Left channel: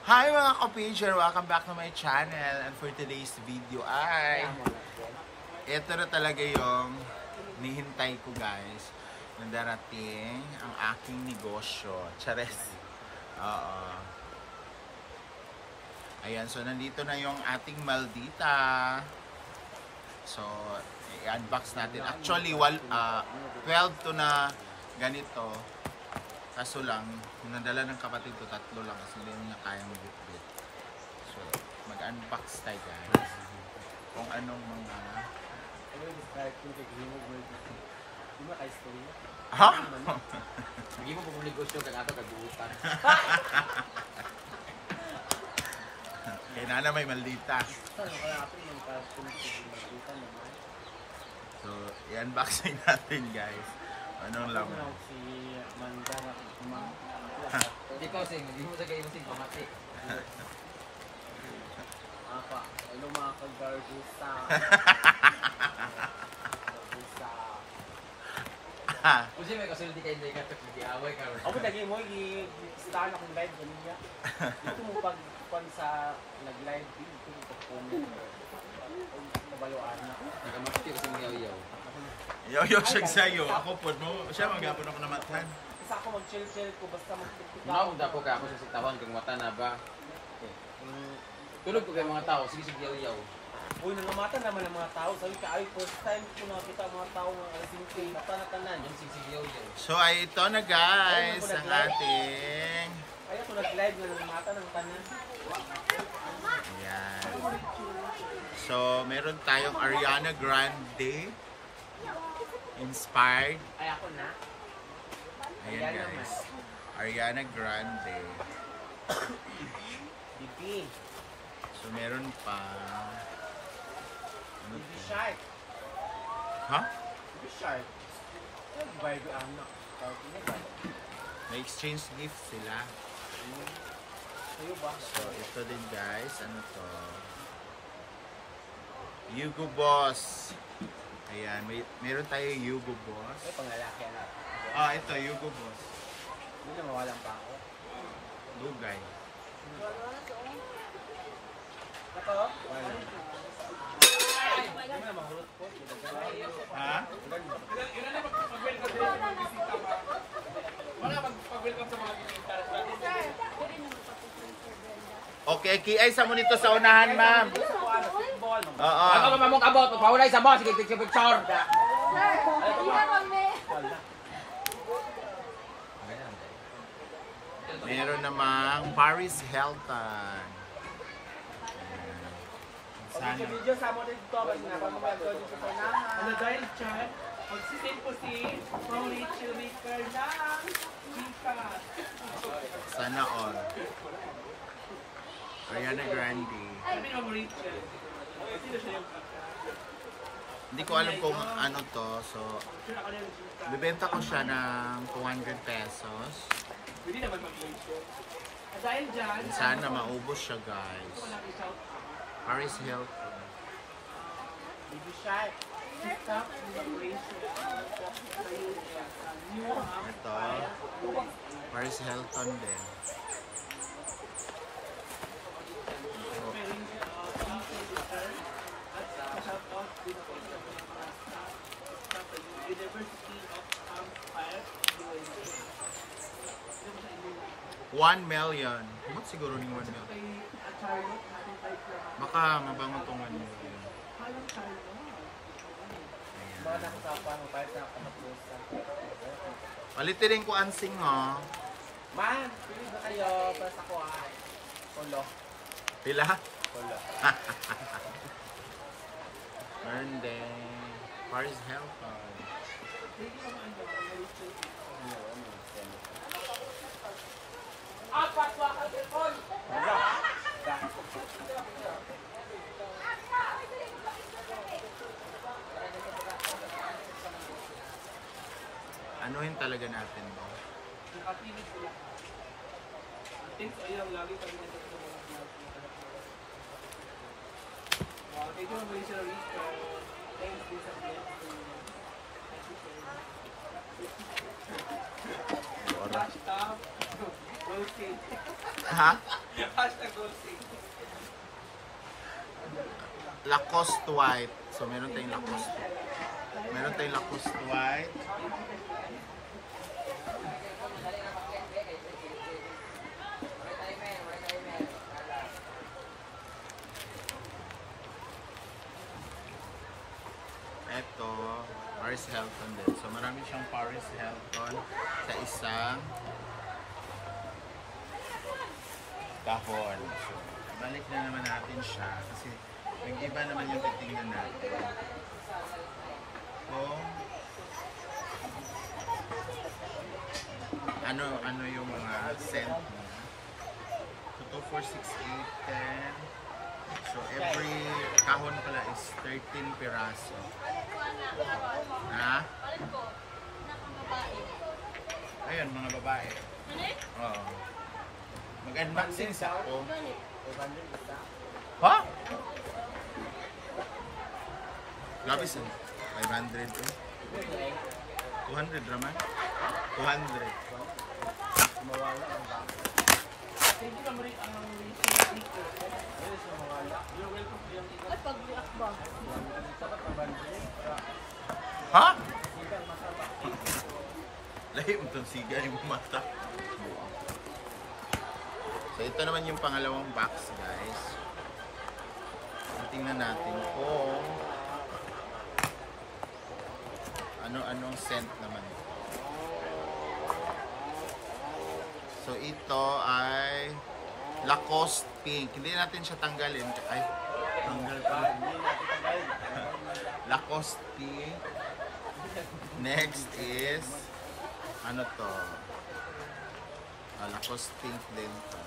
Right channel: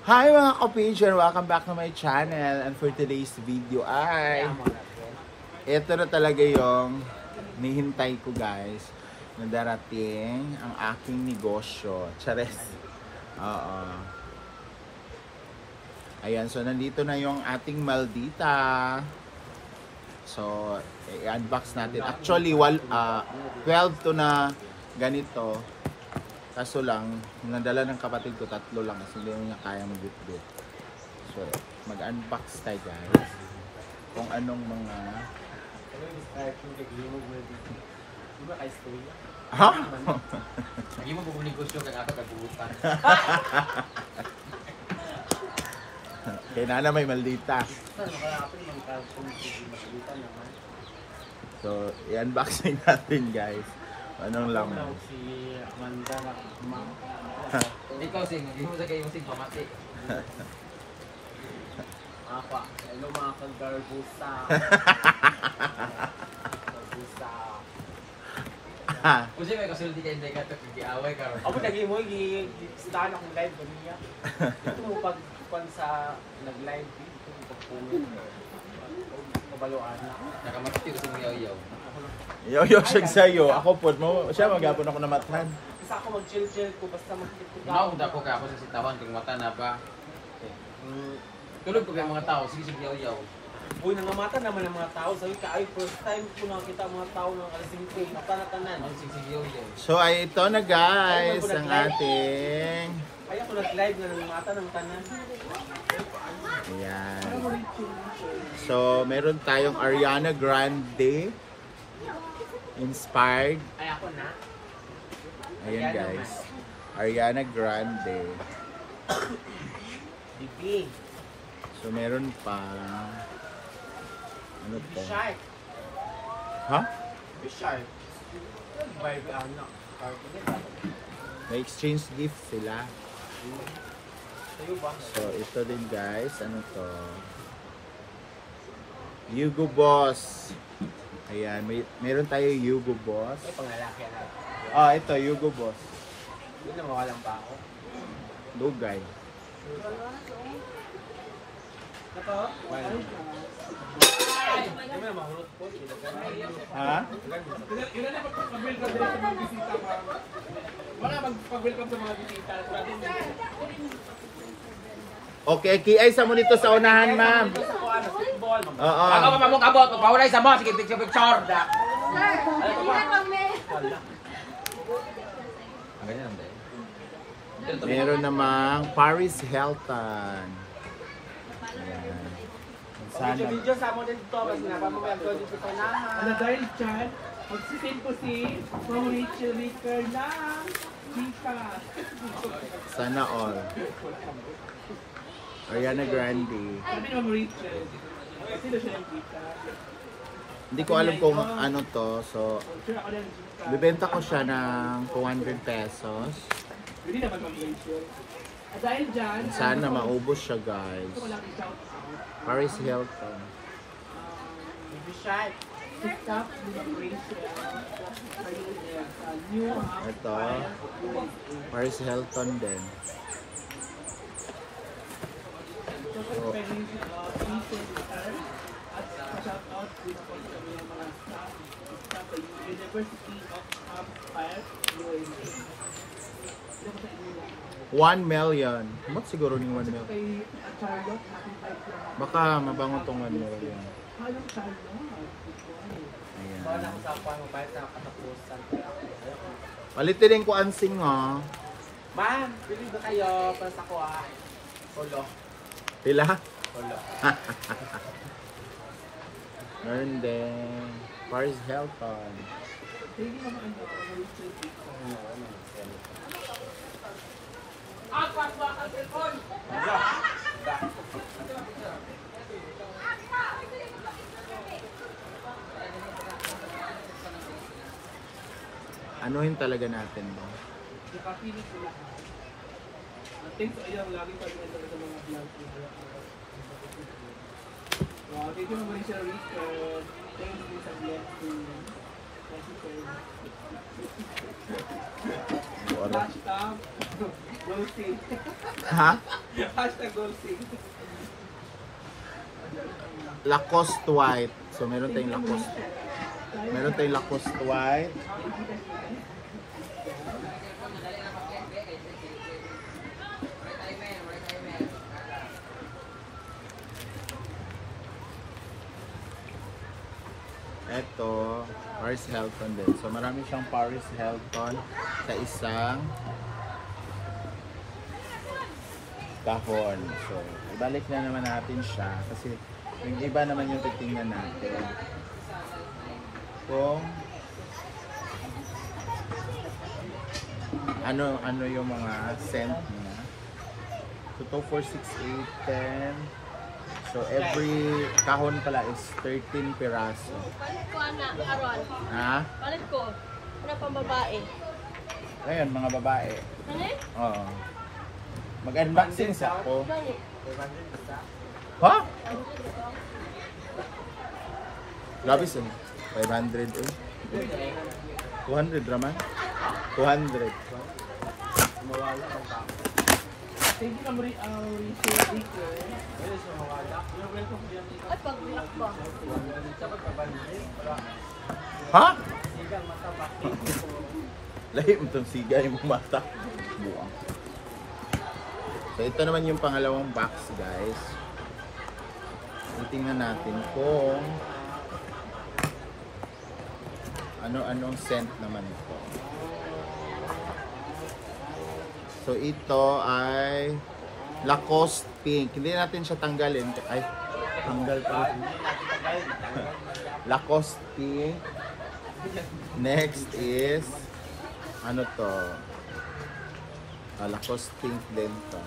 Hi mga ka-pager! Welcome back to my channel. And for today's video ay ito na talaga yung nihintay ko guys na darating ang aking negosyo. Chares. Oo. Ayan, so nandito na yung ating maldita. So, i-unbox natin. Actually, 12 to na ganito. Kaso lang, nadala ng kapatid ko, 3 lang kasi hindi niya kaya mag-bit-bit. So, mag-unbox tayo guys. Kung anong mga... Ha? Hindi mo pupunigos yung kakapagkabutan. Kaya na may maldita. So, i-unboxing natin guys. Anong laman? Ikaw sing, hindi mo sa kayo sing pamati. Apa, ano mga kaggarbusa? Kasi may kasulti kayo na ikatag-iaway ka. Ako lagi mo, sinahan akong live ko niya. Ito mo pag sa nag-live dito. Baluan. Nakamati ko sa yaw-yaw. Yo siya sa'yo. Ako po, siya magapon ako na matahan. Isa ako mag-chill-chill to, basta mag-chill. Nauna ko ka ako sa sintaman kung mata na ba. Tulog ko may mga tao, sige sa yaw-yaw. Uy, namamata naman ang mga tao. Sabi ka, ay, first time ko makita mga tao ng kasing tanatanan. Ang sige sa yaw-yaw. So ay ito na guys ang ating Ay, ako nag-live na namamata ng tanan. ayan. So meron tayong Ariana Grande inspired. Ay, ako na. Ayan guys. Ariana Grande. Bibi. So meron pa ano to? Shy. Ha? Shy. Vibe lang na. May exchange gift sila. So ito din guys, ano to? Hugo Boss. Ayan, meron tayo Hugo Boss. Ah, ito Hugo Boss. Hindi mo kalang tao. Lugay. Ha? Ilan na mag-welcome sa mga bisita, ma'am? Wala mag-welcome sa mga bisita. Okay, kiay sa mo nito sa unahan, ma'am. Oo. Ako mabok-abot, pawalay sa mo, sige picture-picture. Ganyan dahil. Meron namang Paris Hilton. Ayan. Sana. Video sa ako dito, kasi napag-welcome dito sa lahat. Ano dahil dyan, magsisend po si from Rachel Ritter lang. Sana all. Ariana Grande. Sabi ng Rachel. Sino siya ng Gita? Hindi ko alam kung ano to. So, Sure ako ng Gita. bibenta ko siya ng 200 pesos. Hindi naman ng Rachel. At dahil dyan, Sana maubos siya, guys. ito ko lang i-shout out. Paris Hilton. Stop ni Rachel. Ayun, sa New Hampshire, Ito. USA. Paris Hilton din. So, pwede yung at pa-shoutout din ako sa mga staff sa University of Hampshire, USA. Hindi ko sa inyo 1 million. Ba't siguro ni 1 million? kay Charlotte, nakita lang. Baka mabango tong 1 million. Halang Charlotte. Ayan. Palitin din ko ansing, ha. Man, bili ba kayo para sa kuha? Solo. Pila? Meron din. Paris Hilton. Hindi naman ang mga Anuhin talaga natin mo. nakapinig ko lahat. Thanks sa iyong lagi pag ito sa mga vlog niya. Thank you naman sa Rito. Thank you sa blessing. Oras. Hashtag Goldstein. Ha? Hashtag Goldstein. Lacoste white. So meron tayong Lacoste. Meron tayong Lacoste white. Ito, Paris Hilton din. So marami siyang Paris Hilton sa isang kahon. So ibalik na naman natin siya kasi yung iba naman yung titingnan natin. Kung ano yung mga scent niya. So 2, 4, 6, 8, 10. So every kahon pala is 13 piraso. Palit ko na, Carol. Ha? Palit ko. Ano pang babae? Ngayon mga babae. Ano eh? Oo. Mag-unboxing sa ako. Gani. Ha? Grabe siya. 500 eh. 200 raman? 200. Thank you naman rin ang research. You're welcome to yung Ha? Lahi mo itong sigay mo mata. Buang. So ito naman yung pangalawang box guys. Tingnan natin kung ano-anong scent naman ito. So ito ay Lacoste Pink. Hindi natin siya tanggalin. Ay, tanggal pa rin. Lacoste Pink. Next is ano to? Lacoste Pink din to.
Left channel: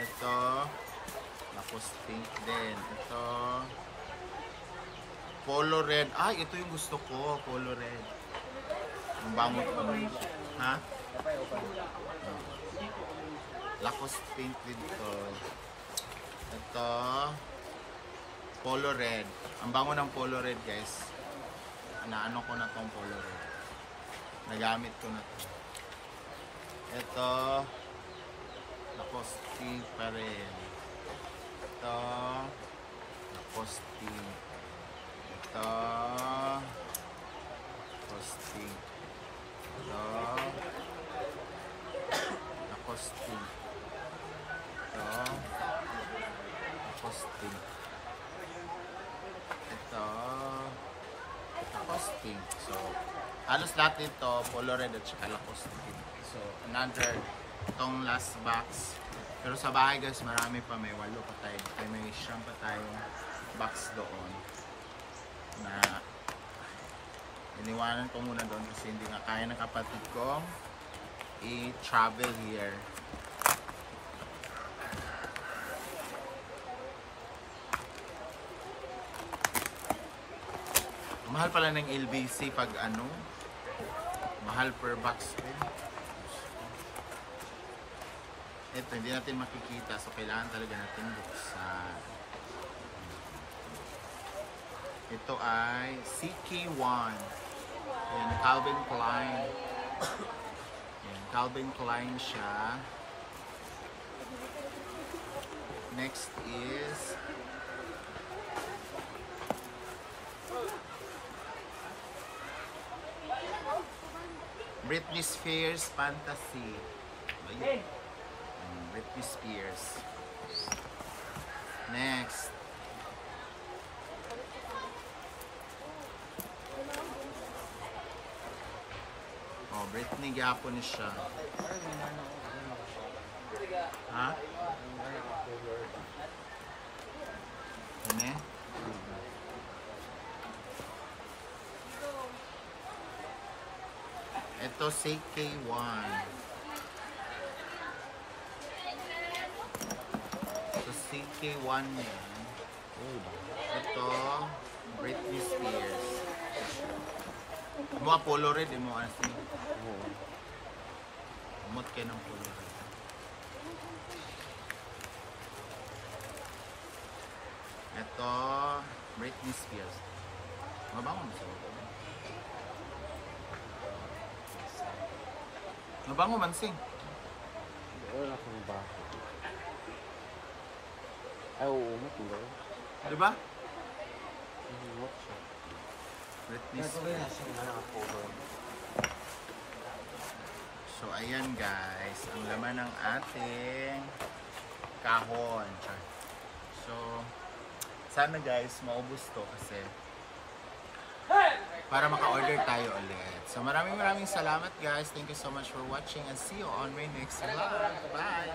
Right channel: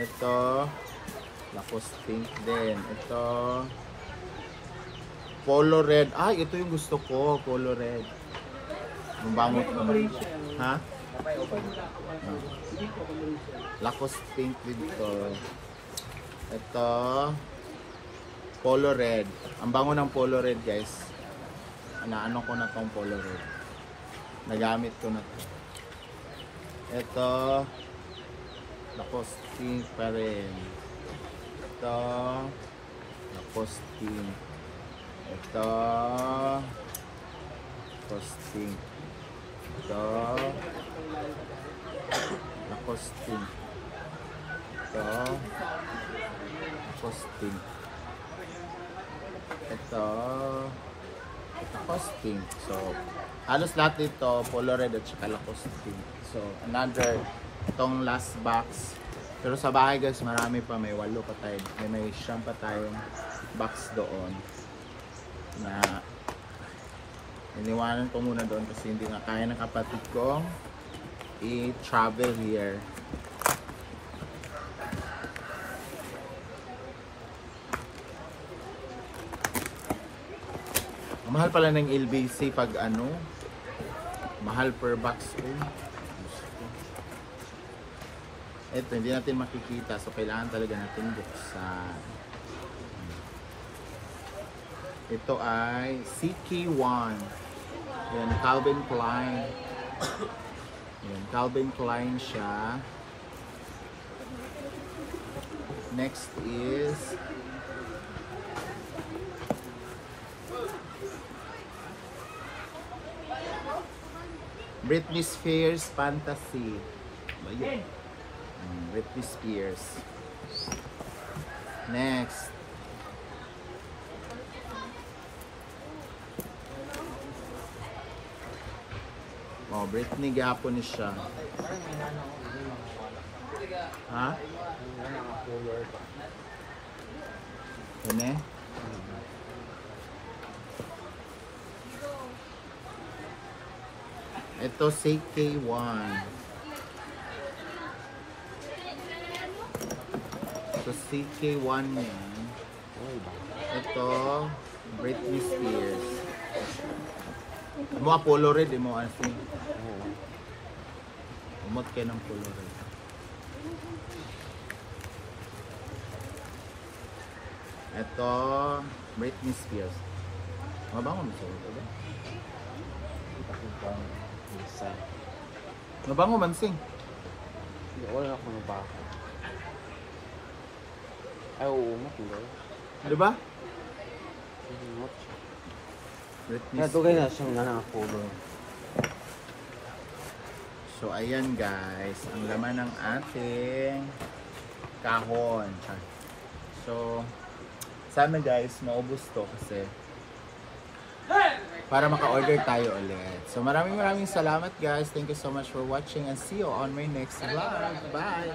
Ito Lacoste Pink din. Ito Polo Red. Ay, ito yung gusto ko. Polo Red. Mabangot ko. Ha? Lacoste Pink dito. Ito Polo Red. Ang bango ng Polo Red guys. Ano ko na tong Polo Red. Nagamit ko na to. Ito Lacoste Pink pa rin. Ito Lacoste Pink. Ito Lacoste Pink. Ito Lacoste Pink. Ito Lacoste Pink. Ito Lacoste Pink. So halos lahat dito Polo Red at saka Lacoste Pink. So another itong last box. Pero sa bahay guys marami pa, may 8 pa tayo. May 9 pa tayong box doon na iniwanan ko muna doon kasi hindi nga kaya ng kapatid kong i-travel here. Ang mahal pala ng LBC pag ano, mahal per box rin. Ito hindi natin makikita so kailangan talaga natin buksan. Ito ay CK1. Yan, Calvin Klein. Yan, Calvin Klein siya. Next is Britney Spears Fantasy. Ayun. Britney Spears. Next. Oh, Britney gapon ni siya. Ha? Ano eh? Ito CK1. So CK1 yan. Ito Britney Spears. Mga Polo Red mo kasi. Umot kayo ng Polo Red. Ito Britney Spears. Mabango man sing. Mabango man sing. Wala akong mabang. Ay, oo, ito. Di ba? Britney Natugay na siyang nanakapulo. So, ayan guys, ang laman ng ating kahon. Char. So, sana guys, maubos to kasi para maka-order tayo ulit. So, maraming salamat guys. Thank you so much for watching and see you on my next vlog. Bye!